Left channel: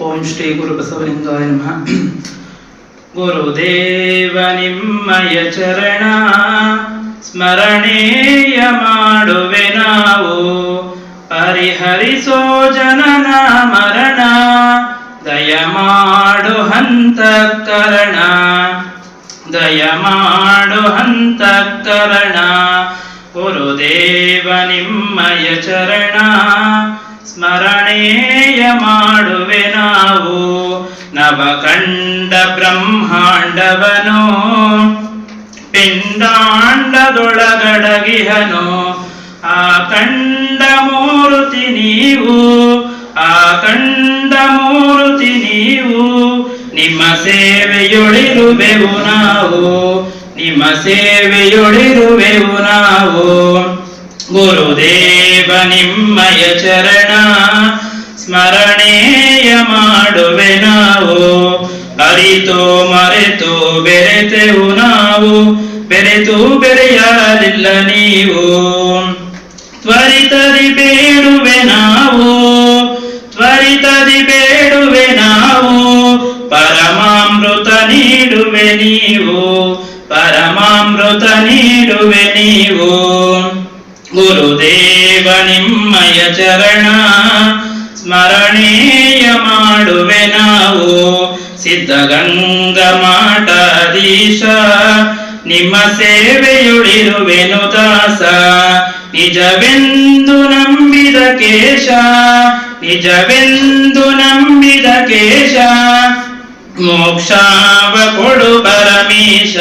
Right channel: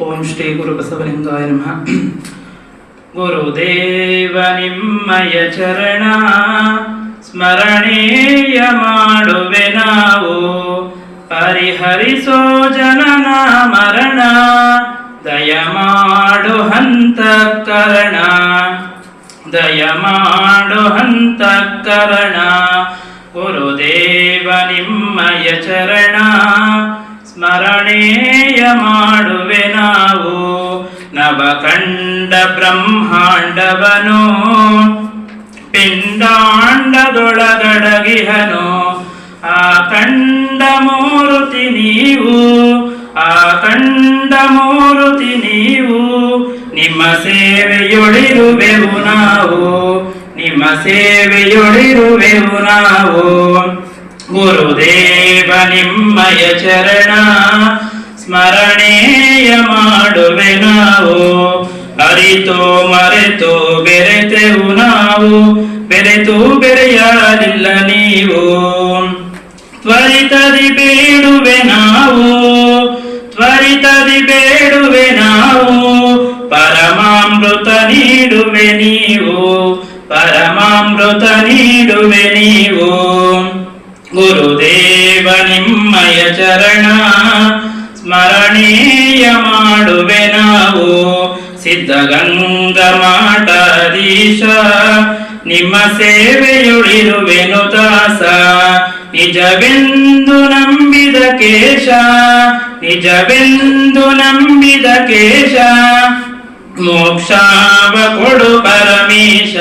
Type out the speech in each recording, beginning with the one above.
ಓಂ ಶ್ರೀ ಗುರು ಬಸವಲಿಂಗಾಯ ನಮಃ. ಗುರುದೇವ ನಿಮ್ಮಯ ಚರಣ, ಸ್ಮರಣೀಯ ಮಾಡುವೆ ನಾವು. ಪರಿಹರಿಸೋ ಜನನ ಮರಣ, ದಯ ಮಾಡು ಹಂತ ಕರಣ ದಯ ಮಾಡು ಹಂತ ಕರಣ ಗುರುದೇವ ನಿಮ್ಮಯ ಚರಣ, ಸ್ಮರಣೇಯ ನಾವು ನವಕಂಡ ಬ್ರಹ್ಮಾಂಡವನು, ಪಿಂಡಾಂಡದೊಳಗಡಗಿಹನು. ಆ ಕಂಡ ಮೂರುತಿ ನೀವು, ಆ ಕಂಡ ಮೂರುತಿ ನೀವು, ನಿಮ್ಮ ಸೇವೆಯೊಳಿರುವೆವು ನಾವು, ನಿಮ್ಮ ಸೇವೆಯೊಳಿರುವೆವು ನಾವು. ಗುರುದೇವ, ನಿಮ್ಮಯ ಚರಣ ಅರಿತು ಮರೆತು ಬೆರೆತೆವು ನಾವು. ಬೆರೆತು ಬೆರೆಯಲಿಲ್ಲ ನೀವು. ತ್ವರಿತದಿ ಬೇಡುವೆ ನಾವು. ತ್ವರಿತದಿ ಬೇಡುವೆ ನಾವು. ಪರಮಾಮೃತ ನೀಡುವೆ ನೀವು. ಪರಮಾಮೃತ ನೀಡುವೆ ನೀವು. ಗುರುದೇವ ನಿಮ್ಮಯ ಚರಣ, ಸ್ಮರಣೀಯ ಮಾಡುವೆ ನಾವು. ಸಿದ್ಧಗಂಗ ಮಾಟಾಧೀಶ ನಿಮ್ಮ ಸೇವೆಯುಳಿರುವೆನು ದಾಸ ನಿಜವೆಂದು ನಂಬಿದ ಕೇಶ ನಿಜವೆಂದು ನಂಬಿದ ಕೇಶ ಮೋಕ್ಷಾವ ಕೊಡು ಪರಮೇಶ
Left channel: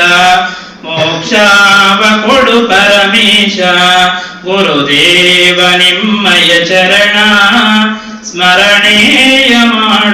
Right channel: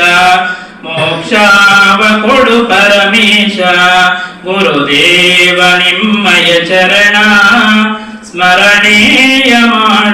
ಮೋಕ್ಷಾವ ಕೊಡು ಪರಮೇಶ ಗುರುದೇವ ನಿಮ್ಮಯ ಚರಣ ಸ್ಮರಣೇಯ ಮಾಡುವೆ ನಾವು